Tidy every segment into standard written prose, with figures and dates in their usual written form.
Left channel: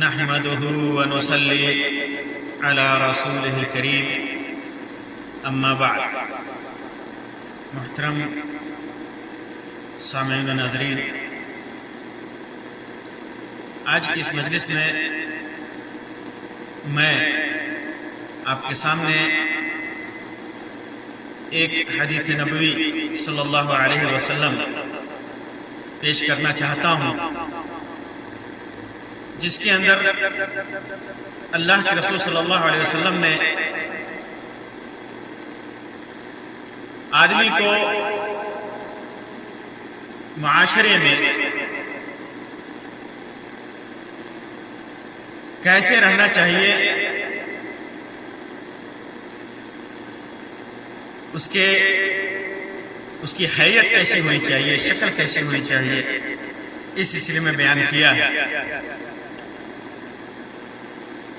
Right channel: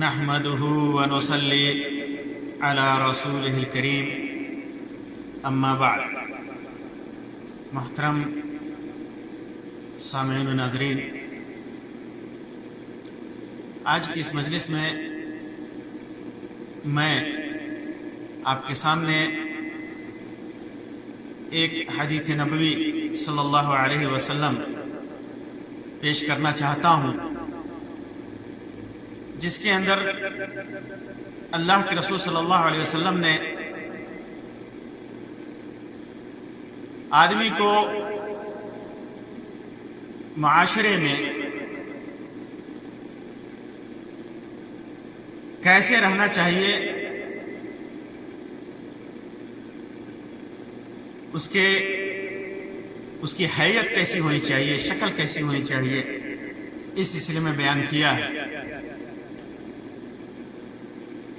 نحمده ونصلي على رسوله الكريم اما بعد۔ محترم سامعین و ناظرین، آج کی اس مجلس میں آپ کے سامنے ایک حدیث نبوی صلی اللہ علیہ وسلم پیش کرنا چاہتا ہوں، جس کے اندر اللہ کے رسول صلی اللہ علیہ وسلم نے آدمی کو معاشرے میں کیسے رہنا چاہیے، اس کی حیت کیسی ہونی چاہیے، شکل کیسی ہونی چاہیے، اس سلسلے میں بیان کیا ہے۔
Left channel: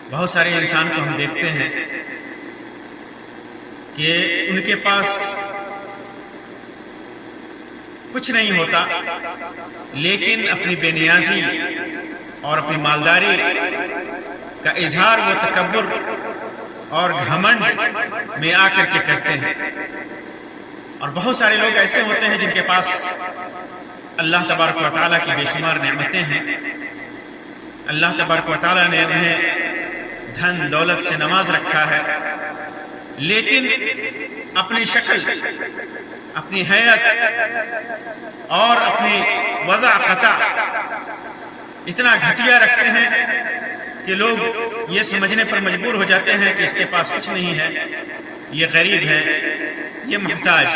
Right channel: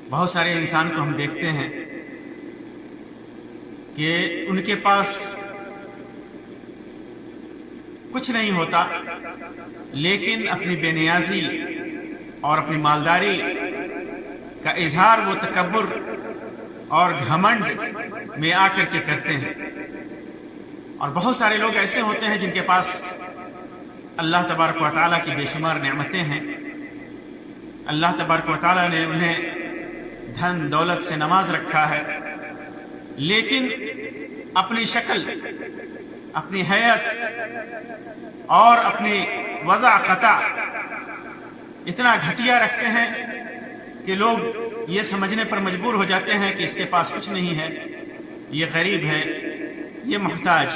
بہت سارے انسان کو ہم دیکھتے ہیں کہ ان کے پاس کچھ نہیں ہوتا، لیکن اپنی بے نیازی اور اپنی مالداری کا اظہار وہ تکبر اور گھمنڈ میں آ کر کے کرتے ہیں۔ اور بہت سارے لوگ ایسے ہوتے ہیں جن کے پاس اللہ تبارک و تعالیٰ کی بے شمار نعمتیں ہیں، اللہ تبارک و تعالیٰ نے انہیں دھن دولت سے نواز رکھا ہے، لیکن اپنی شکل، اپنی حیت اور اپنی وضع قطع اتنا گھٹیا رکھتے ہیں کہ لوگ یہ سمجھنے پر مجبور ہو جاتے ہیں کہ اس کے پاس کچھ نہیں ہے، یہ غریب ہے، یہ محتاج۔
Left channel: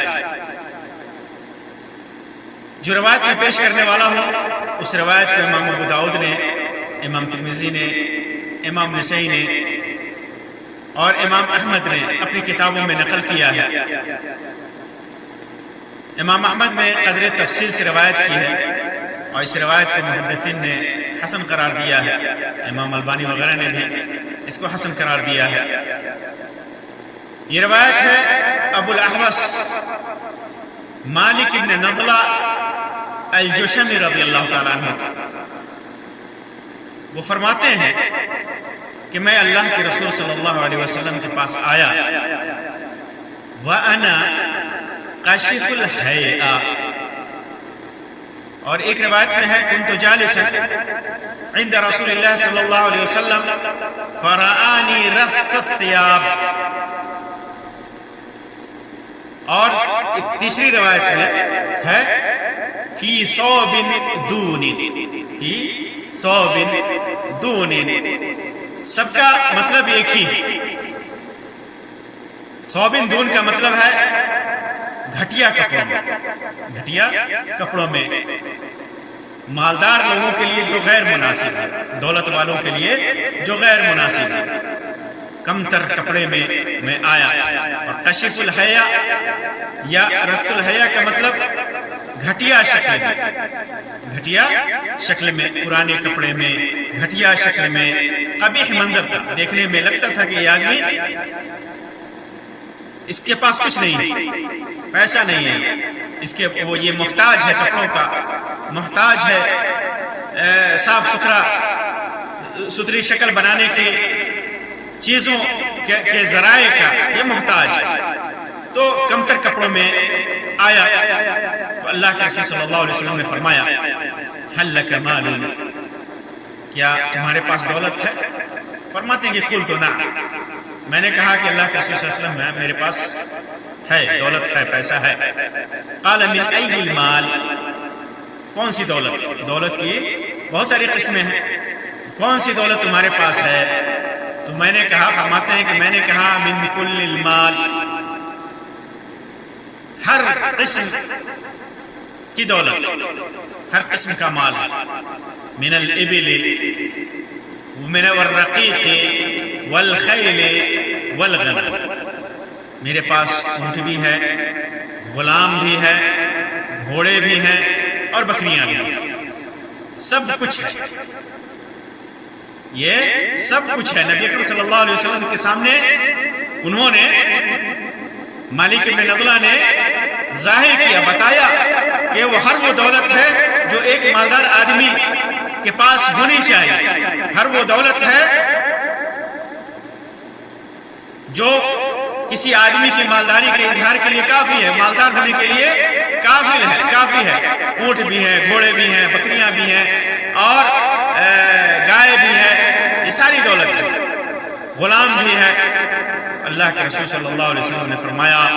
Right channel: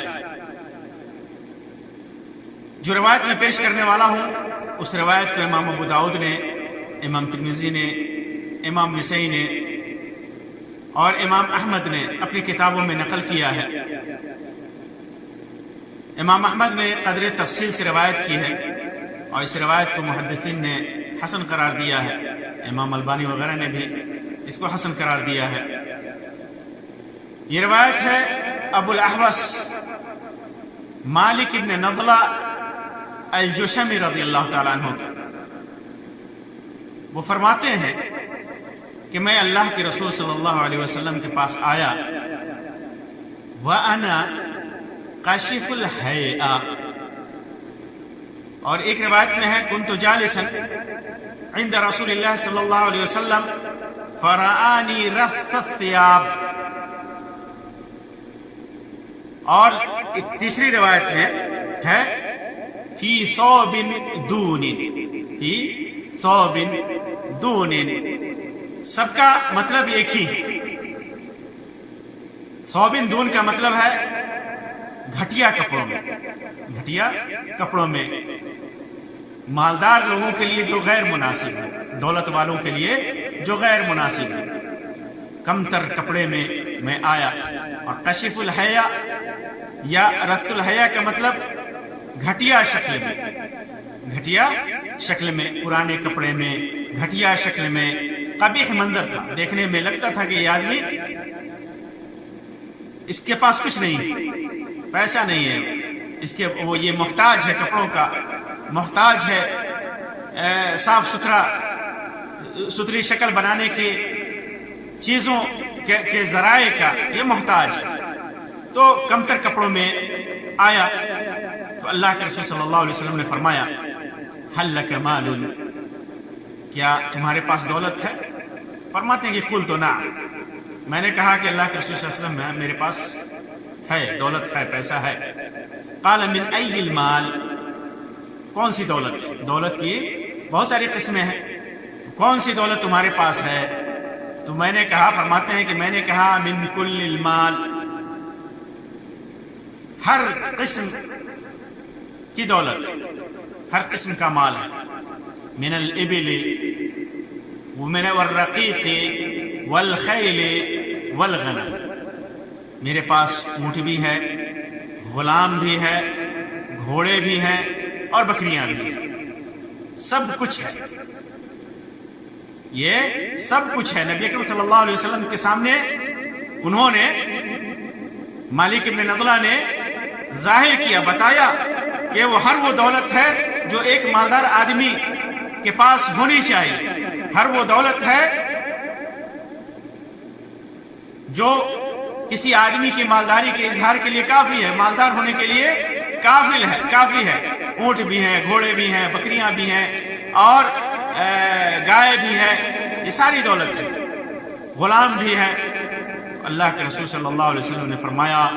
جو روایت میں پیش کرنے والا ہوں، اس روایت کو امام ابو داؤد نے، امام ترمذی نے، امام نسائی نے اور امام احمد نے اپنی کتابوں میں نقل کیا ہے۔ امام احمد نے قدر تفصیل سے روایت کی ہے اور اس روایت کو محدثین نے حسن قرار دیا ہے، امام البانی وغیرہ نے بھی اس کو حسن قرار دیا ہے۔ یہ روایت ہے ابو الاحوص مالک ابن نضلہ الجشمی رضی اللہ تعالیٰ عنہ کی۔ وہ فرماتے ہیں کہ میں اللہ کے رسول صلی اللہ علیہ وسلم کے پاس آیا، وَأَنَا قَشِفُ الْحَيْئَةِ، اور ایک روایت میں ہے كُنْتُ جَالِسًا عند رسول اللہ صلی اللہ علیہ وسلم فَرَآنِي رَثَّ الثِّيَابِ، اور ایک تیسری روایت میں ہے فِي ثَوْبٍ دُونٍ، فِي ثَوْبٍ دُونٍ۔ سب کا مطلب ایک ہی ہے۔ ثوبن دون کا مطلب ہے گھٹیا کپڑوں میں، گھٹیا کپڑوں میں، مالدار لوگوں کے لیے جو غیر مناسب ہے، دولت والوں کے لیے جو غیر مناسب ہے، کم تر کپڑے میں آیا۔ اور کشف الحیا یا رث الحیا کا مطلب گھٹیا شکل میں، گھٹیا شکل میں، پرانے کپڑے میں، گھٹیا شکل میں، قبیح منظر تھا، دیکھنے میں لگتا تھا کہ یہ آدمی اس کے پاس کچھ نہیں ہے، پیسہ نہیں ہے، وہ یہ محتاج ہے، کپڑوں کا محتاج ہے، صاف ستھری شکل بنانے کی چیزوں کے ذرائع کا یہ محتاج ہے۔ تو کم تر کپڑوں میں آیا تو اللہ کے رسول صلی اللہ علیہ وسلم نے فرمایا هل لك مال، کیا تمہارے پاس دولت ہے؟ فرماتے ہیں کہ قلت نعم، میں نے کہا کہ اللہ کے رسول صلی اللہ علیہ وسلم میرے پاس ہے، دولت ہے، پیسہ ہے۔ قال من ای المال، کون سی دولت؟ دولت کی بہت ساری قسمیں ہیں، کون سی دولت تمہارے پاس ہے؟ تو میں نے کہا، فرماتے ہیں کہ میں نے کہا من کل المال، ہر قسم کی دولت، ہر قسم کا مال ہے، من الابل والرقیق والخیل والغنم، میرے پاس اونٹ بھی ہے، غلام بھی ہے، گھوڑے بھی ہیں اور بکریاں بھی ہیں، سب کچھ ہے، یہ سب کچھ ہے۔ نبی اکرم صلی اللہ علیہ وسلم کے سامنے انہوں نے، مالک ابن نضلہ نے ظاہر کیا، بتایا کہ وہ ہر وہ دولت ہے جو ایک مالدار آدمی کے پاس ہونی چاہیے، ہر وہ دولت ہے جو کسی آدمی کی مالداری کے اظہار کے لیے کافی ہے، مالدار ہونے کے لیے کافی ہے۔ اونٹ بھی ہیں، گھوڑے بھی ہیں، بکریاں بھی ہیں، اور گائے بھی ہے، یہ ساری دولت ہے، غلام بھی ہے۔ اللہ کے رسول صلی اللہ علیہ وسلم نے فرمایا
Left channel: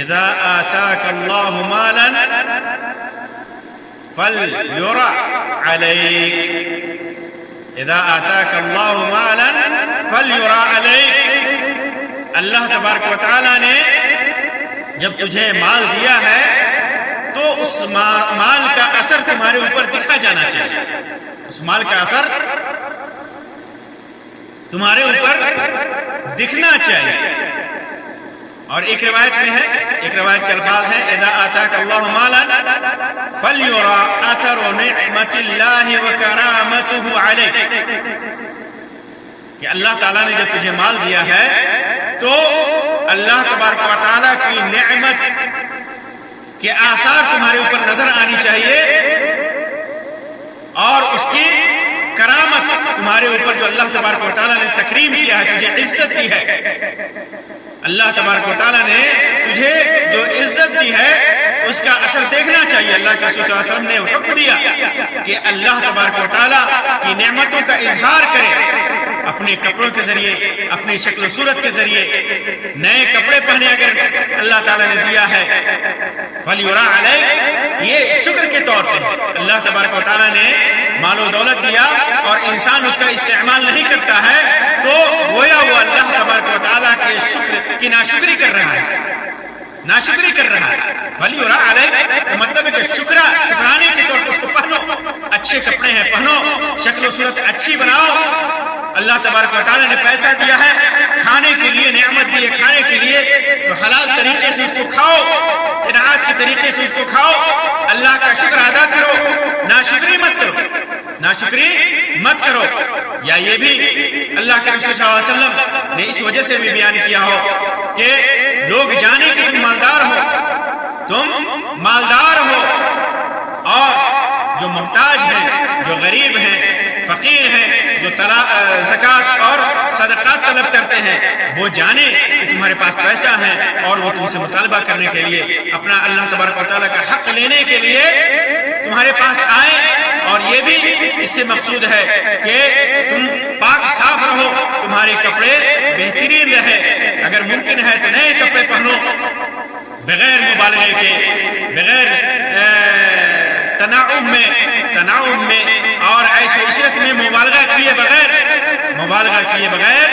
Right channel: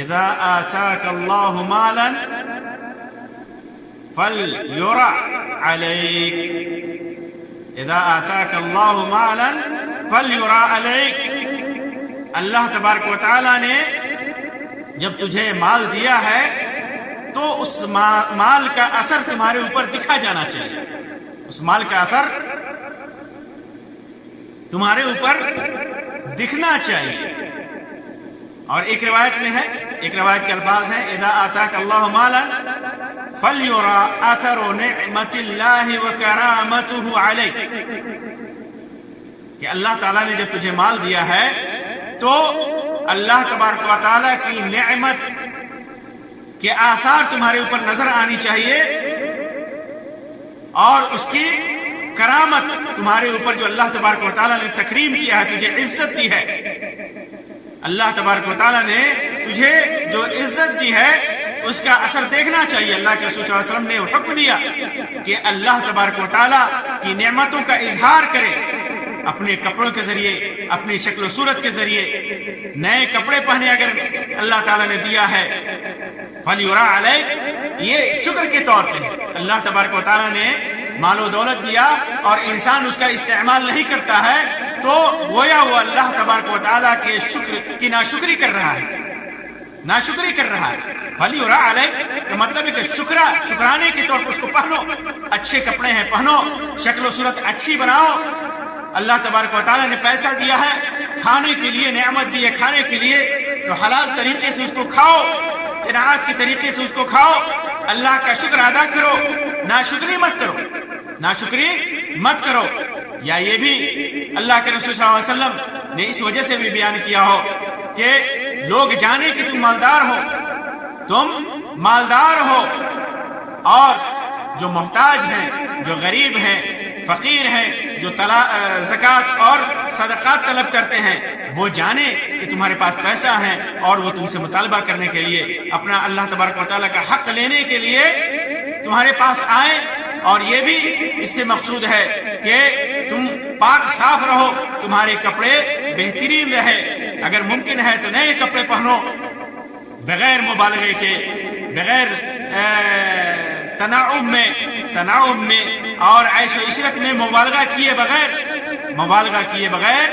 اذا آتاک اللہ مالا فلیرع علیک، اذا آتاک اللہ مالا فلیرع علیک، اللہ تبارک و تعالی نے جب تجھے مال دیا ہے تو اس مال کا اثر تمہارے اوپر دکھا جانا چاہیے، اس مال کا اثر تمہارے اوپر دکھنا چاہیے۔ اور ایک روایت میں ہے، ایک روایت کے الفاظ ہیں اذا آتاک اللہ مالا فلیرع اثر نعمت اللہ وکرامتہ علیک، کہ اللہ تعالیٰ نے جب تجھے مال دیا ہے تو اللہ تبارک و تعالیٰ کی نعمت کے آثار تمہارے اوپر نظر آنی چاہیے، اور اس کی کرامت تمہارے اوپر، جو اللہ تبارک و تعالیٰ نے تکریم کیا ہے، تجھے عزت دی ہے، اللہ تبارک و تعالیٰ نے تجھے جو عزت دی ہے اس کا اثر دیکھنا چاہیے۔ اللہ کے رسول صلی اللہ علیہ وسلم نے حکم دیا کہ اللہ تبارک و تعالیٰ کی نعمتوں کا اظہار کرے اپنے کپڑوں کے ذریعے، اپنی شکل و صورت کے ذریعے، نئے کپڑے پہنے اگر اللہ تعالیٰ نے دیا ہے، فلیرع علیک، یہ شکر کے طور پہ ہے۔ اللہ تبارک و تعالیٰ نے مال و دولت دیا اور انسان اس کا استعمال نہیں کرتا ہے تو گویا وہ اللہ تبارک و تعالیٰ کے شکر کی ناشکری کر رہا ہے، ناشکری کر رہا ہے۔ فلیرع علیک کا مطلب ہے کہ شکرانے کے طور پر اس کو پہنو، اچھے کپڑے ہیں پہنو، شکل و صورت اچھی بناؤ۔ اللہ تبارک و تعالیٰ نے پیسہ دیا ہے، کھانے کے لیے نعمت دی ہے، کھانے کے لیے تو حلال طریقے سے اس کو کھاؤ، قناعت کے طریقے سے اس کو کھاؤ، اللہ کا شکر ادا کرو، ناشکری مت کرو، ناشکری مت کرو۔ یا یہ بھی اللہ کے رسول صلی اللہ علیہ وسلم نے اس وجہ سے بھی بیان کیا ہو کہ لوگ جانے کہ تم مالدار ہو، اور جو محتاج ہیں، جو غریب ہیں، فقیر ہیں، جو زکوٰۃ اور صدقات طلب کرتے ہیں، وہ جانے کہ تمہارے پاس پیسہ ہے اور وہ تم سے مطالبہ کرنے کے لیے، اپنا اللہ تبارک و تعالیٰ کا حق لینے کے لیے تمہارے پاس آئیں۔ اور یہ بھی اس سے مقصود ہے کہ تم پاک صاف رہو، تمہارے کپڑے بہترین رہے، اگر ممکن ہے تو نئے کپڑے پہنو، بغیر مبالغے کے، بغیر تنعم میں اور عیش و عشرت میں مبالغہ کیے بغیر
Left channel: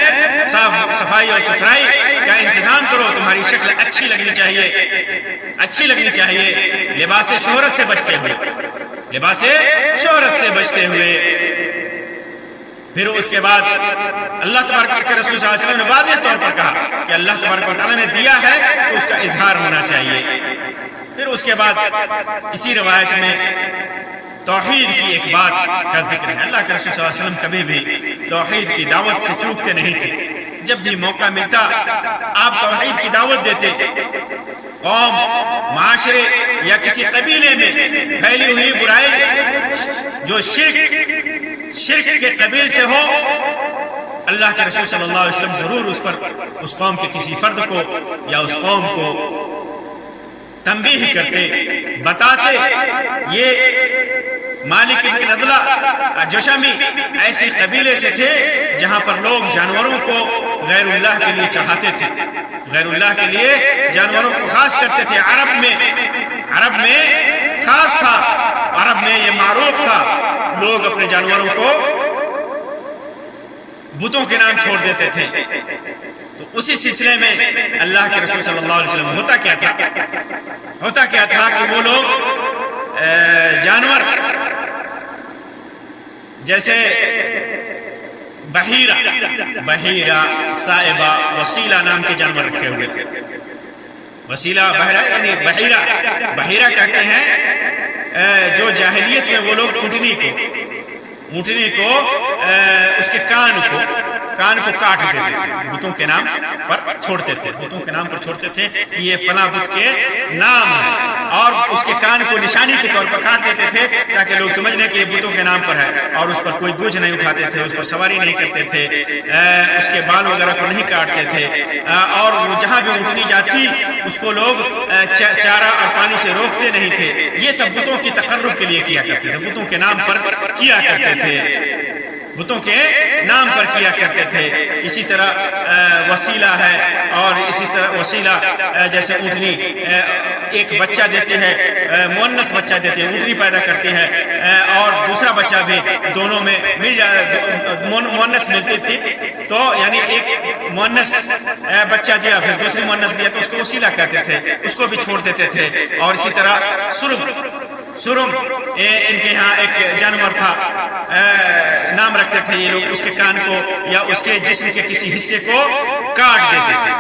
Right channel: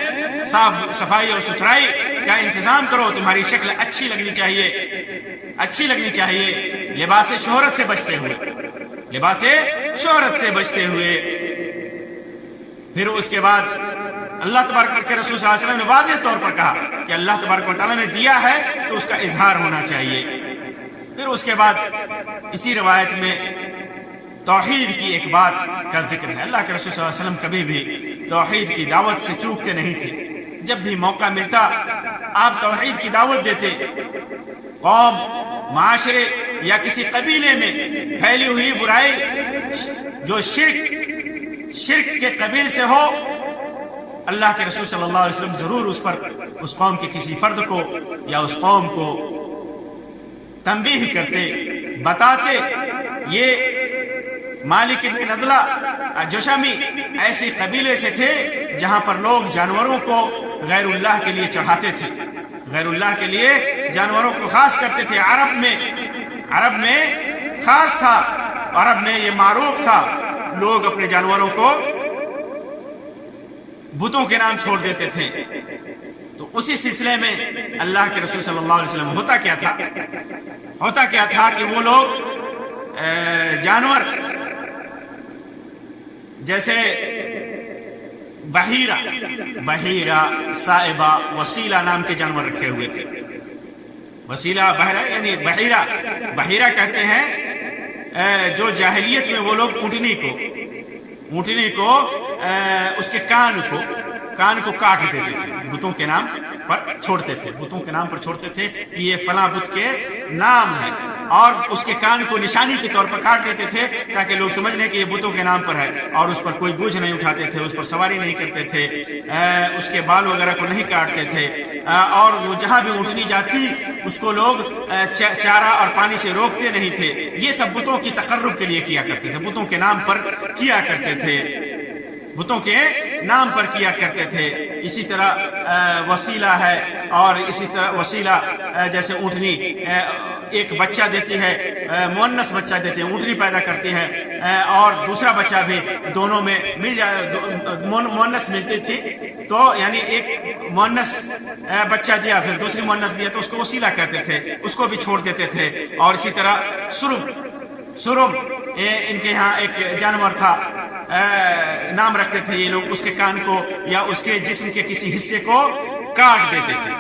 صاف صفائی اور ستھرائی کا انتظام کرو۔ تمہاری شکل اچھی لگنی چاہیے، لباس شہرت سے بچتے ہوئے۔ پھر اس کے بعد اللہ تبارک کے رسول صلی اللہ علیہ وسلم نے واضح طور پر کہا کہ اللہ تبارک و تعالیٰ نے دیا ہے تو اس کا اظہار ہونا چاہیے۔ پھر اس کے بعد اسی روایت میں توحید کی ایک بات کا ذکر ہے۔ اللہ کے رسول صلی اللہ علیہ وسلم کبھی بھی توحید کی دعوت سے چوکتے نہیں تھے، جب بھی موقع ملتا آپ توحید کی دعوت دیتے۔ قوم، معاشرے یا کسی قبیلے میں پھیلی ہوئی برائی جو شرک کے قبیل سے ہو، اللہ کے رسول صلی اللہ علیہ وسلم ضرور اس قوم کے کسی فرد کو یا اس قوم کو تنبیہ کرتے، بتاتے۔ یہ مالک بن نضلہ جشمی ایسے قبیلے سے تھے جہاں پر لوگ جانوروں کو غیر اللہ کے لیے چڑھاتے تھے، غیر اللہ کے لیے جانوروں کو خاص کرتے تھے۔ عرب میں خاص تھا، عرب میں یہ معروف تھا، لوگ اپنے جانوروں کو بتوں کے نام چھوڑ دیتے تھے۔ تو اسی سلسلے میں اللہ کے رسول صلی اللہ علیہ وسلم ہوتا کیا تھا کہ وہ لوگ جانور جیسے بحیرہ، سائبہ، وسیلہ نام کے جانور رکھے ہوئے تھے۔ وسیلہ، بحیرہ یعنی بحیرہ کہتے ہیں جو جاہلیت میں وہ لوگ اونٹنی کو اس کے کان کو کاٹ دیتے تھے، بتوں کے نام پر چھوڑتے تھے، بتوں کے نام پر چھوڑتے تھے کہ یہ فلاں بت کے نام ہے، اور اس کے کان کو نشانی کے طور پر کاٹ دیتے تھے تاکہ لوگ سمجھ لیں کہ یہ بتوں کے نام پر ہے، اور اس پر کوئی بوجھ نہیں اٹھاتے تھے، اس پر سواری نہیں کرتے تھے، اس کے بال وغیرہ کو نہیں کاٹتے تھے، اور جہاں بھی اونٹنی جاتی اس کو لوگ چارہ اور پانی سے روکتے نہیں تھے۔ یہ سب بتوں کی تقرب کے لیے کیا کرتے تھے، بتوں کے نام پر کیا کرتے تھے، بتوں کے نام پر کیا کرتے تھے۔ اسی طرح وسیلہ ہے، اور اسی طرح وسیلہ جیسے اونٹنی ایک بچہ دیتی ہے، مؤنث بچہ دیتی ہے، اونٹنی پیدا کرتی ہے، اور دوسرا بچہ بھی، دونوں میں مل جائے، مؤنث ملتی تھی، تو یعنی ایک مؤنث بچہ دیا پھر دوسری مؤنث دیا تو اس کو وسیلہ کہتے تھے، اس کو بھی چھوڑ دیتے تھے۔ اور اسی طرح سرم ان کے یہاں ایک جانور تھا، نام رکھتے تھے یہ لوگ، اس کے کان کو یا اس کے جسم کے کسی حصے کو کاٹ دیتے تھے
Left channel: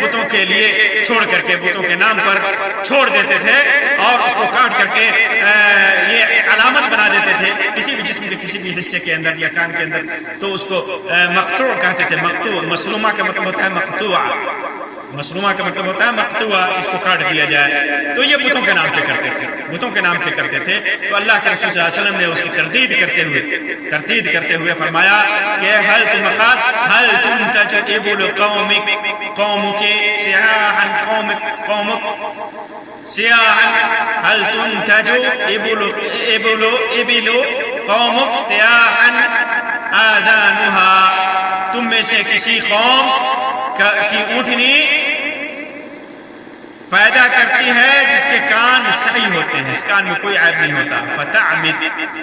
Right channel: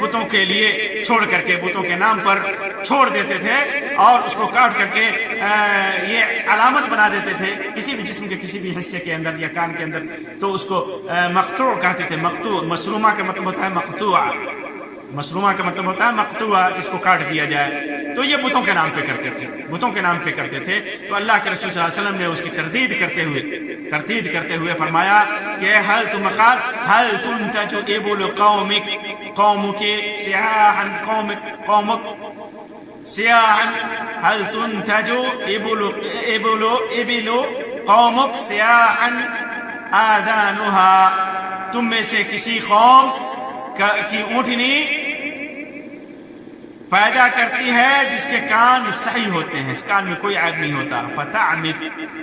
بتوں کے لیے، چھوڑ کر کے بتوں کے نام پر چھوڑ دیتے تھے، اور اس کو کاٹ کر کے یہ علامت بنا دیتے تھے کسی بھی جسم کے کسی بھی حصے کے اندر یا کان کے اندر، تو اس کو مقطوع کہتے تھے۔ مقطوع، مسلومہ کا مطلب ہوتا ہے مقطوع، مسلومہ کا مطلب ہوتا ہے مقطوعہ، اس کو کاٹ دیا جائے، تو یہ بتوں کے نام پہ کرتے تھے، بتوں کے نام پہ کرتے تھے۔ تو اللہ کے رسول صلی اللہ علیہ وسلم نے اس کی تردید کرتے ہوئے فرمایا کہ هل تنتج ابل قومك سياحا هل تنتج ابل قومك سياحا آذانها، تم میں سے کسی قوم کی اونٹنی پیدا کرتی ہے جس کے کان صحیح ہوتے ہیں، اس کان میں کوئی عیب نہیں ہوتا۔ فتعمد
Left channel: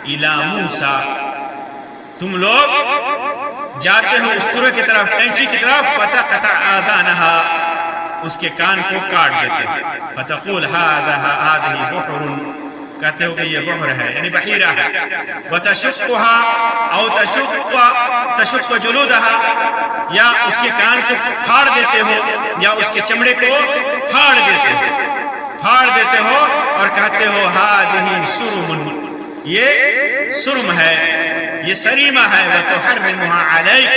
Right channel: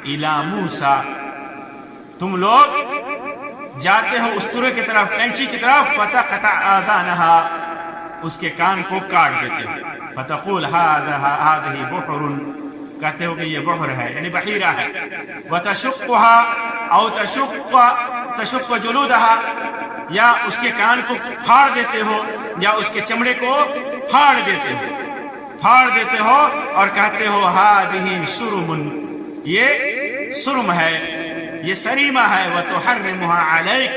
الى موسیٰ، تم لوگ جاتے ہو استورے کی طرف، کینچی کی طرف، فتقطع آذانها، اس کے کان کو کاٹ دیتے ہو۔ فتقول هذه بحر، کہتے ہو کہ یہ بحر ہے، یعنی بحیرہ ہے۔ وتشقها او تشق جلودها، یا اس کے کان کو پھاڑ دیتے ہو، یا اس کے چمڑے کو پھاڑ دیتے ہو اور کہتے ہو هذه سرم، یہ سرم ہے، یہ سریمہ ہے، وتحرمها عليك،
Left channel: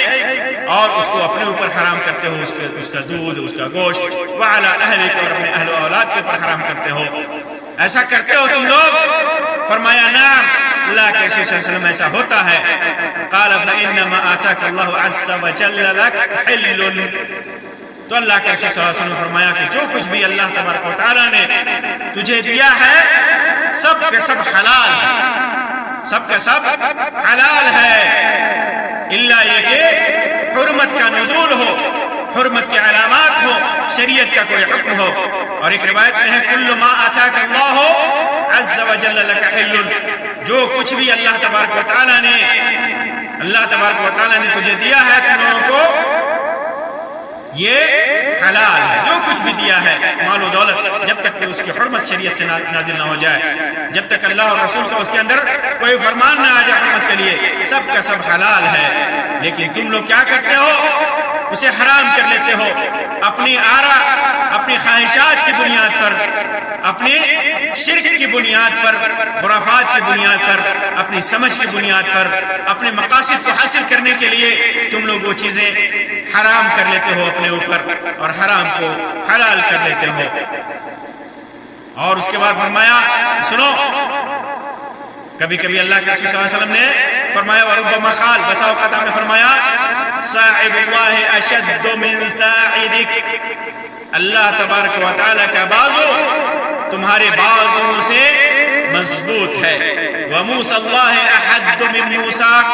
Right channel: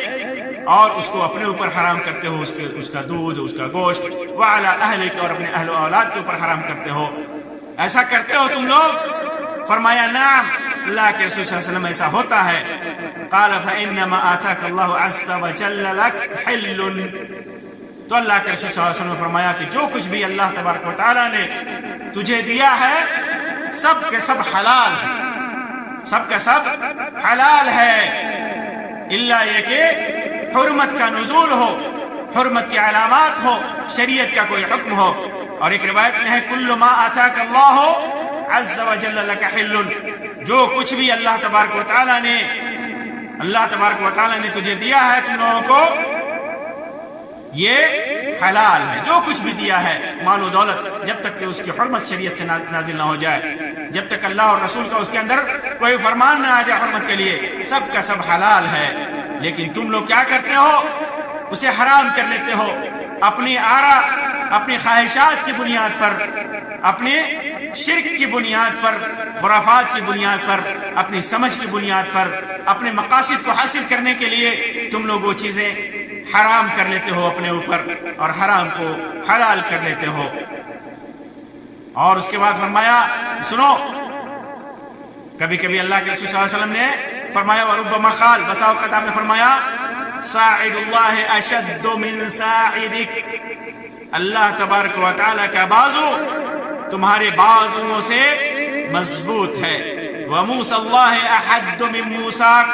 اور اس کو اپنے اوپر حرام کرتے ہو، اس کا دودھ، اس کا گوشت، وعلى اہلک، اور اپنے اہل و اولاد کے اوپر حرام کرتے ہو۔ ایسا کرتے ہو تم لوگ؟ فرمایا نعم، اللہ کے رسول صلی اللہ علیہ وسلم ایسا ہوتا ہے۔ قال فإنما آتاك الله عز وجل لك حل، تو اللہ کے رسول صلی اللہ علیہ وسلم نے فرمایا کہ جو کچھ بھی اللہ تبارک و تعالیٰ نے تجھے دیا ہے سب کا سب حلال ہے، سب کا سب حلال ہے، اللہ یہ کہ حرمت کا نزول ہو، حرمت کے علامات ہو، شریعت کا کوئی حکم ہو۔ اور ایک روایت میں ہے کل ما آتاک اللہ عز وجل لک حل، جو کچھ بھی اللہ تبارک و تعالیٰ نے تجھے دیا ہے تم لوگوں کو، یہ حلال ہے۔ جو کچھ بھی دیا ہے مال و دولت، جب تک کہ اس کی حرمت شریعت سے نازل نہ ہو جائے، جب تک اللہ اور رسول کا اس کے اندر کوئی فرمان نہ آ جائے حرمت کے لیے، سب کا سب حلال ہے۔ لیکن تم لوگ کیا کرتے ہو؟ اسے حرام کر لیتے ہو، اپنی آراء، اپنی خواہشات کی بنیاد پر، اپنے شرک کی بنیاد پر، خرافات کی بنیاد پر، اپنی سمجھ کی بنیاد پر، اپنے مقاصد کو حاصل کرنے کے لیے تم لوگ وہ چیزیں حرام کر لیتے ہو اپنے اوپر، اور حرام کو حلال کر لیتے ہو۔ اور اس کے بعد فرمایا، سنو، کبھی کبھی اللہ کے رسول صلی اللہ علیہ وسلم نے فرمایا وربما قال، بسا اوقات آپ نے فرمایا ساعد اللہ اشد من ساعدک، اللہ تبارک و تعالی کا بازو تمہارے بازوؤں سے مضبوط ہے۔ وموسی اللہ احد من موسیک،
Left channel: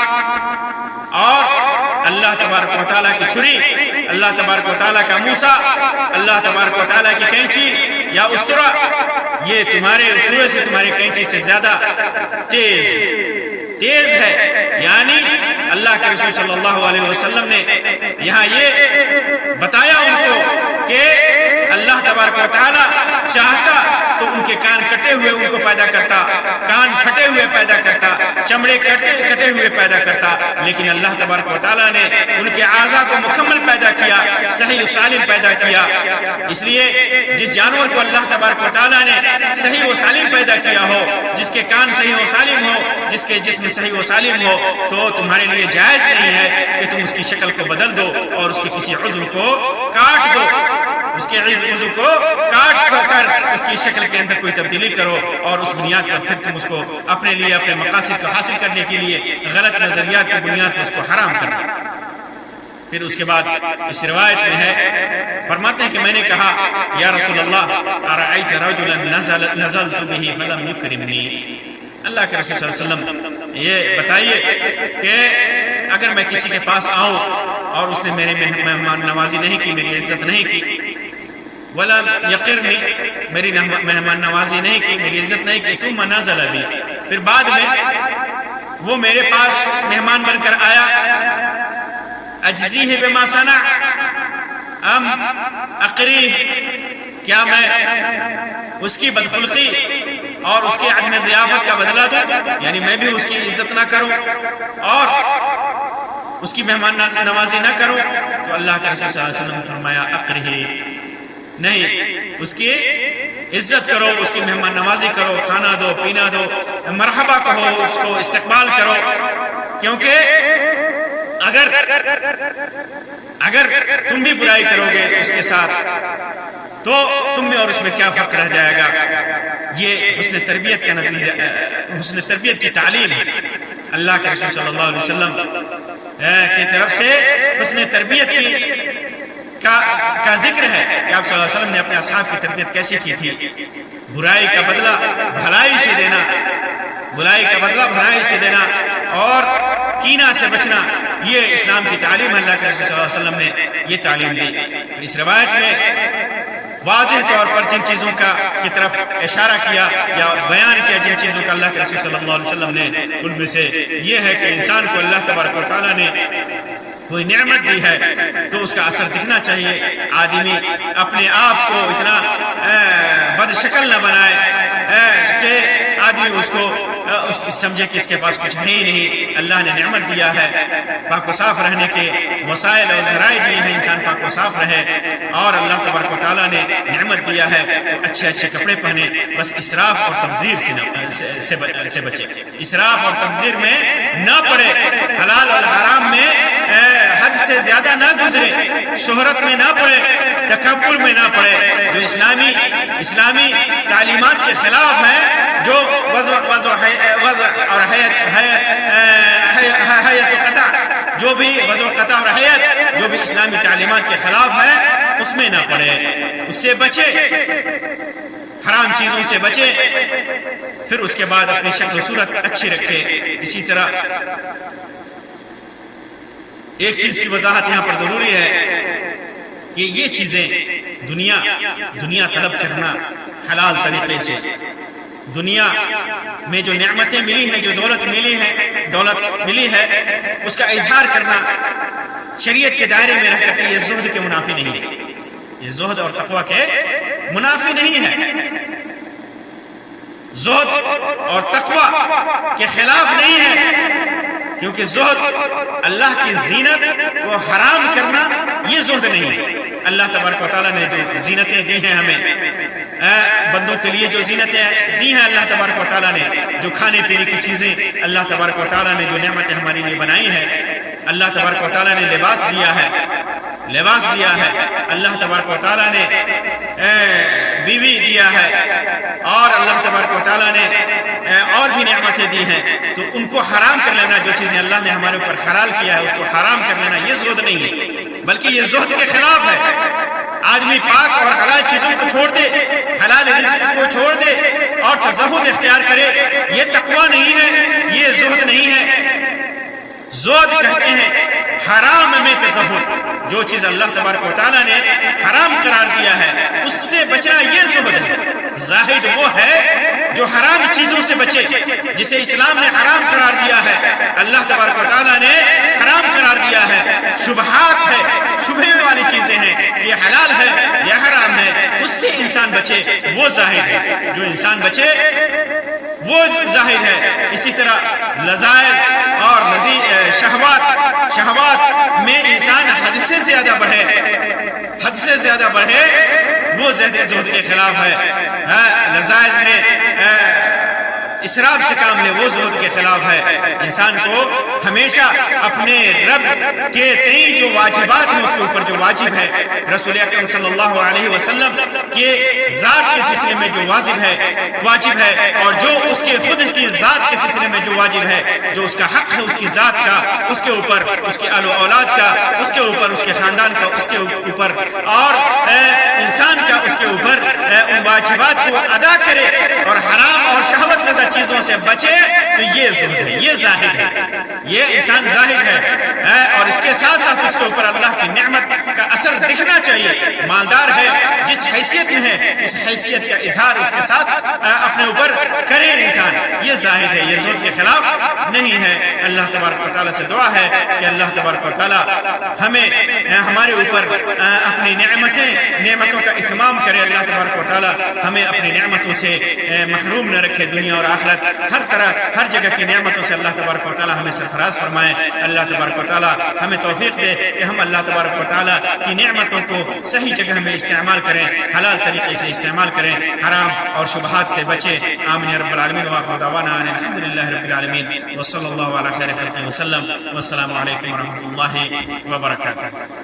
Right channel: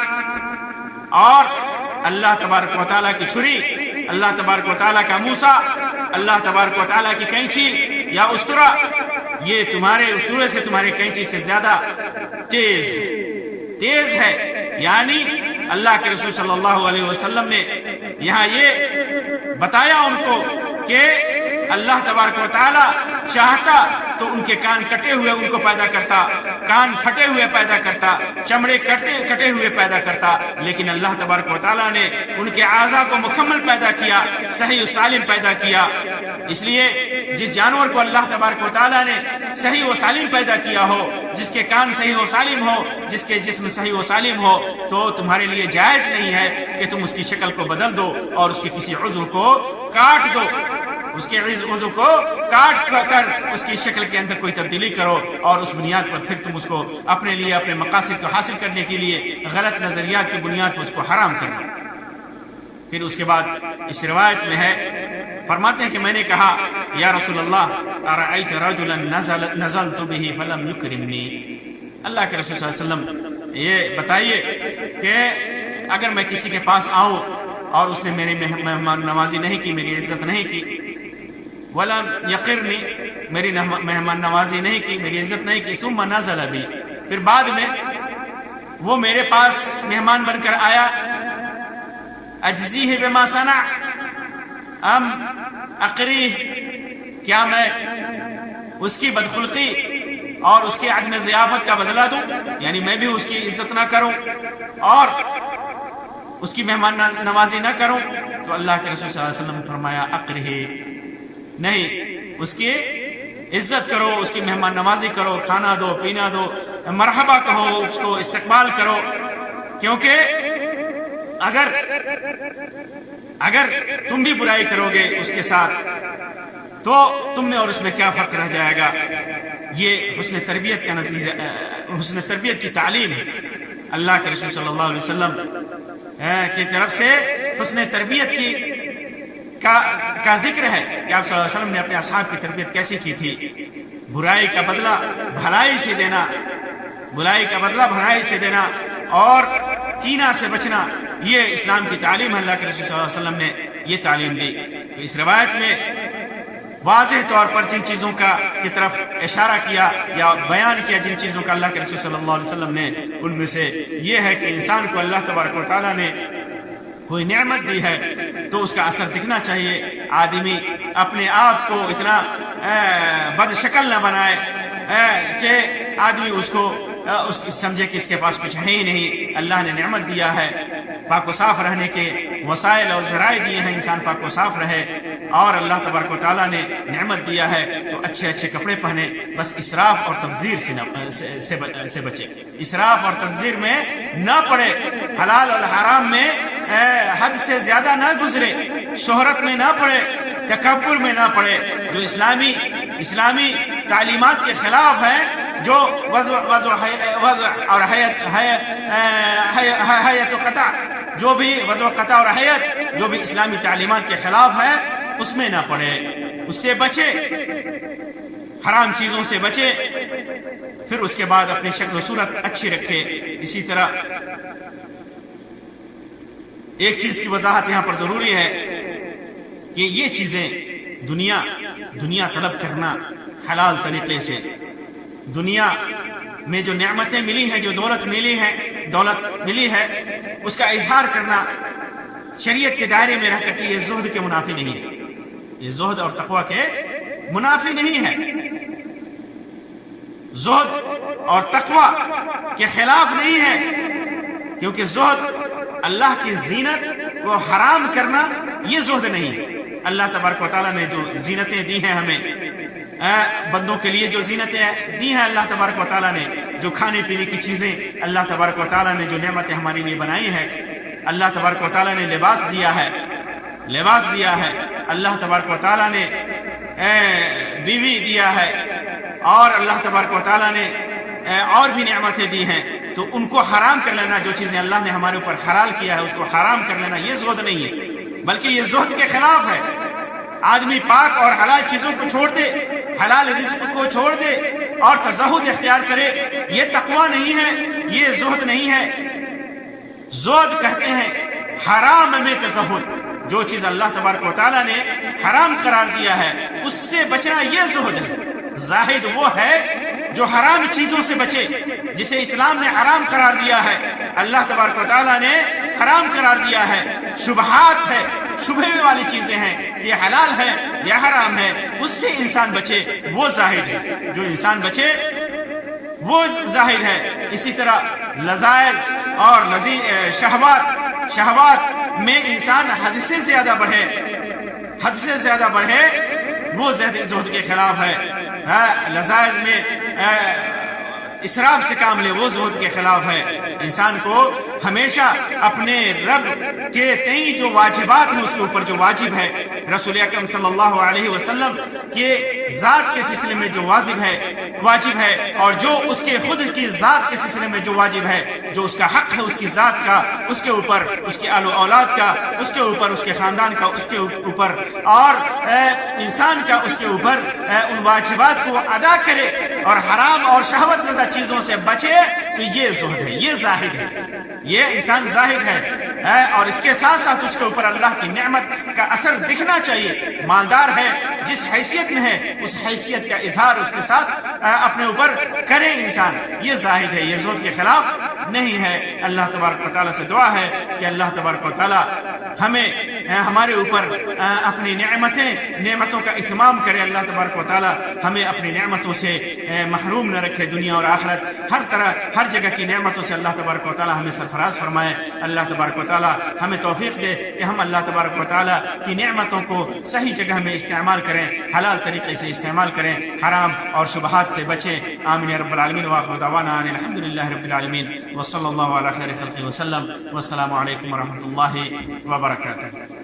اور اللہ تبارک و تعالیٰ کی چھری، اللہ تبارک و تعالیٰ کا موسیٰ، اللہ تبارک و تعالیٰ کی کینچی یا استرا، یہ تمہارے استرے سے، تمہاری کینچی سے زیادہ تیز ہے۔ یعنی اللہ کے رسول صلی اللہ علیہ وسلم نے یہاں یہ بتایا ان کو کہ اللہ تبارک و تعالیٰ چاہتا تو ان کے کان کٹے ہوئے ان کو پیدا کرتا، کان پھٹے ہوئے پیدا کرتا، چمڑے کٹے ہوئے پیدا کرتا، لیکن اللہ تبارک و تعالیٰ نے ان کے اعضاء کو مکمل پیدا کیا، صحیح و سالم پیدا کیا۔ اس لیے جس جانور کو اللہ تبارک و تعالیٰ نے صحیح و سالم پیدا کیا ہو، جس کے کان صحیح و سالم ہو، جس کے جسم صحیح و سالم ہو، تو تمہارے لیے جائز نہیں ہے کہ تم اس کی شکل کو بدل دو اور اس کے کسی عضو کو کاٹ دو، اس کے عضو کو کاٹ کر اس کی شکل کے اندر کوئی تبدیلی کرو، اور اس بنیاد پر پھر تم اس کو اپنے لیے اپنے مقاصد کو حاصل کرنے کے لیے غلط نظریات کی بنیاد پر اس کو حرام کر دو۔ پھر اس کے بعد اس روایت میں ہے، فرماتے ہیں کہ میں نے کہا یا رسول اللہ ارأیت رجلا نزلت به فلم یکرمنی، اللہ کے رسول صلی اللہ علیہ وسلم یہ بتائیے کہ اگر میں کسی کے پاس آؤں اور اس نے میرے مہمان نوازی نہیں کی، میری عزت نہیں کی، ولم یقرنی، میری مہمان نوازی نہیں کی، میری عزت نہیں کی، ثم نزل بی، پھر بعد میں وہ میرے پاس مہمان بن کر آیا، اجزیہ بما صنع ام اقریہ، کیا میں اس کی بدخلقی اور اس کی عدم ضیافت کا بدلہ دوں، یعنی میں بھی اس کی عزت نہ کروں اور اس کی مہمان نوازی نہ کروں؟ تو اللہ کے رسول صلی اللہ علیہ وسلم نے فرمایا اقریہ، نہیں، اس کی عزت کرو، اس کی مہمان نوازی کرو، کھانا دو، پینا دو، مرحبا کہو، اس کو استقبال کرو، کیونکہ اگر تم بھی برائی کرو گے اس کے ساتھ تو تم میں اور اس میں کیا فرق رہ جائے گا۔ یہ حسن تربیت کا نتیجہ، حسن تربیت کی تعلیم ہے۔ اللہ کے رسول صلی اللہ علیہ وسلم کی طرف سے حسن تربیت کا ذکر ہے کہ آپ صلی اللہ علیہ وسلم نے اپنے اصحاب کی تربیت کیسی کی تھی۔ برائی کا بدلہ بھلائی سے دینا، برائی کا بدلہ بھلائی سے دینا اور کینہ سے بچنا، یہ اسلام کی تعلیم ہے۔ اللہ کے رسول صلی اللہ علیہ وسلم نے یہ تعلیم دی۔ تو اس روایت میں واضح طور پر جن چیزوں کی طرف اشارہ کیا یا بیان کیا، جن چیزوں کا اللہ کے رسول صلی اللہ علیہ وسلم نے، ان میں سے یہ ہے کہ انسان کو اللہ تبارک و تعالیٰ نے کوئی نعمت دی ہے تو اس کا اثر دکھنا چاہیے۔ آدمی اپنے آپ کو اتنا بد شکل نہ بنائے کہ آدمی اس کو سمجھے کہ اس کے پاس کچھ ہے ہی نہیں۔ اللہ نے نعمت دیا ہے، پاک و صاف رہنے کے وسائل اور ذرائع دیے ہیں، انسان پاک و صاف رہے، اور اللہ تبارک و تعالیٰ نے نعمت دیا ہے تو اچھے اچھے کپڑے پہنے، بس اسراف اور تبذیر سے بچے، اسراف اور تبذیر میں نہ پڑے، حلال اور حرام میں حد سے زیادہ نہ گزرے، شہرت میں نہ پڑے، تکبر میں نہ پڑے، جو اسلامی تعلیمات کے خلاف ہیں، جو وضع اور حیت و قطع، جو بھی وضع و قطع اور حیت جو بھی اسلامی تعلیمات کے خلاف ہے، اس میں نہ پڑے، اس سے بچے، حرام چیزوں سے بچے، پھر اس کے بعد اپنی شکل و صورت اچھی رکھے۔ اسی طرح ایک چیز کی وضاحت یہاں پر ضروری ہے کہ یہ چیزیں دنیا طلب کرنا حلال طریقے سے، دنیا میں جو نعمتیں ملی ہیں، جو دولت ملی ہے، اس کا اظہار کرنا شریعت کے دائرے میں رہ کر کے یہ زہد کے منافی نہیں ہے، یہ زہد اور تقوی کے منافی نہیں ہے، زہد اور تقوی کے خلاف نہیں ہے، کیونکہ زہد اللہ کی زینت کو حرام کرنا یہ زہد نہیں ہے۔ اللہ تبارک و تعالیٰ نے جو زینتیں دی ہیں ہمیں، بندوں کے لیے جو زینتیں دی ہیں اللہ تبارک و تعالیٰ نے، جو کھانے پینے کی چیزیں اللہ تبارک و تعالیٰ نے جو نعمتیں ہمارے لیے بنائی ہیں، اللہ تبارک و تعالیٰ نے لباس دیا ہے، اللہ تبارک و تعالیٰ نے بیوی دیا ہے، اور اللہ تبارک و تعالیٰ نے اور بھی نعمتیں دی ہیں، تو ان کو حرام کر لینا، جو چیزیں اللہ نے ہمارے اوپر حلال کیا ہے اس کو حرام کر لینا، یہ زہد نہیں ہے، بلکہ یہ زہد کے خلاف ہے۔ آدمی پاک اور حلال چیزوں کو چھوڑ دے، حلال رزق کو چھوڑ دے اور تزہد اختیار کرے، یہ تقوی نہیں ہے، یہ زہد نہیں ہے۔ زہد کہتے ہیں حرام میں تزہد، جو چیز اللہ تبارک و تعالیٰ نے حرام قرار دیا ہے اس سے بچنا، یہ زہد ہے۔ زاہد وہ ہے جو حرام چیزوں سے بچے، جسے اسلام نے حرام قرار دیا ہے، اللہ تبارک و تعالیٰ نے حرام قرار دیا ہے، شبہات ہے، شبہ والی چیزیں ہیں، یہ حلال ہے یا حرام ہے، اس سے انسان بچے، وہ زاہد ہے۔ جو انسان بچے وہ زاہد ہے۔ اسی طرح لذائذ اور شہوات میں انسان حد سے زیادہ بڑھے وہ زہد کے خلاف ہے، لذائذ میں اسراف سے کام لے وہ زہد کے خلاف ہے۔ انسان کو ہمیشہ اپنے رب کے تئیں جو واجبات ہیں اس کے اوپر جو واجب ہے، رسول اکرم صلی اللہ علیہ وسلم کے ذات کے سلسلے میں جو واجب ہے، اور جو اس کے خود کی ذات کے سلسلے میں جو واجب ہے، جو اس کا حق ہے اس کی ذات کا، اس کے اوپر اس کے آل و اولاد کا، اس کے اوپر اس کے خاندان کا، اس کے اوپر اور انسان کا، اس کے اوپر ان واجبات کو ادا کرے اور حرام اور شہوت زدہ چیزوں سے بچے، تو یہ زہد ہے، یہ زاہد ہے، یہ انسان زاہد ہے۔ اور اس کے ساتھ ساتھ اس کے اوپر اللہ کی نعمت کا اثر دکھنا چاہیے۔ مالدار ہے، جس حیثیت میں ہے اس حیثیت کا اظہار اس کے ساتھ اپنے اوپر کرے انسان، یہ زاہد ہے، یہ زہد کے خلاف نہیں ہے۔ اللہ تبارک و تعالیٰ سے دعا ہے کہ اللہ تبارک و تعالیٰ ہمیں ہمارے اوپر اپنی نعمتوں کا اتمام کرے۔ اللہ تبارک و تعالیٰ ہمیں اپنی نعمتوں سے محروم نہ رکھے، دنیا اور آخرت ہر طرح ہر جگہ کی نعمتوں سے اللہ تبارک و تعالیٰ ہمیں سرفراز فرمائے۔ اللہ تبارک و تعالیٰ ہمیں توفیق دے کہ ہم اللہ تبارک و تعالیٰ کی نعمتوں کو صحیح جگہ میں استعمال کریں، حلال طریقے سے استعمال کریں، حرام اور شبہات سے بچیں۔ آمین یا رب العالمین، وآخر دعوانا ان الحمد للہ رب العالمین، وصلی اللہ علی خیر خلقہ وسلم، والسلام علیکم ورحمۃ اللہ وبرکاتہ۔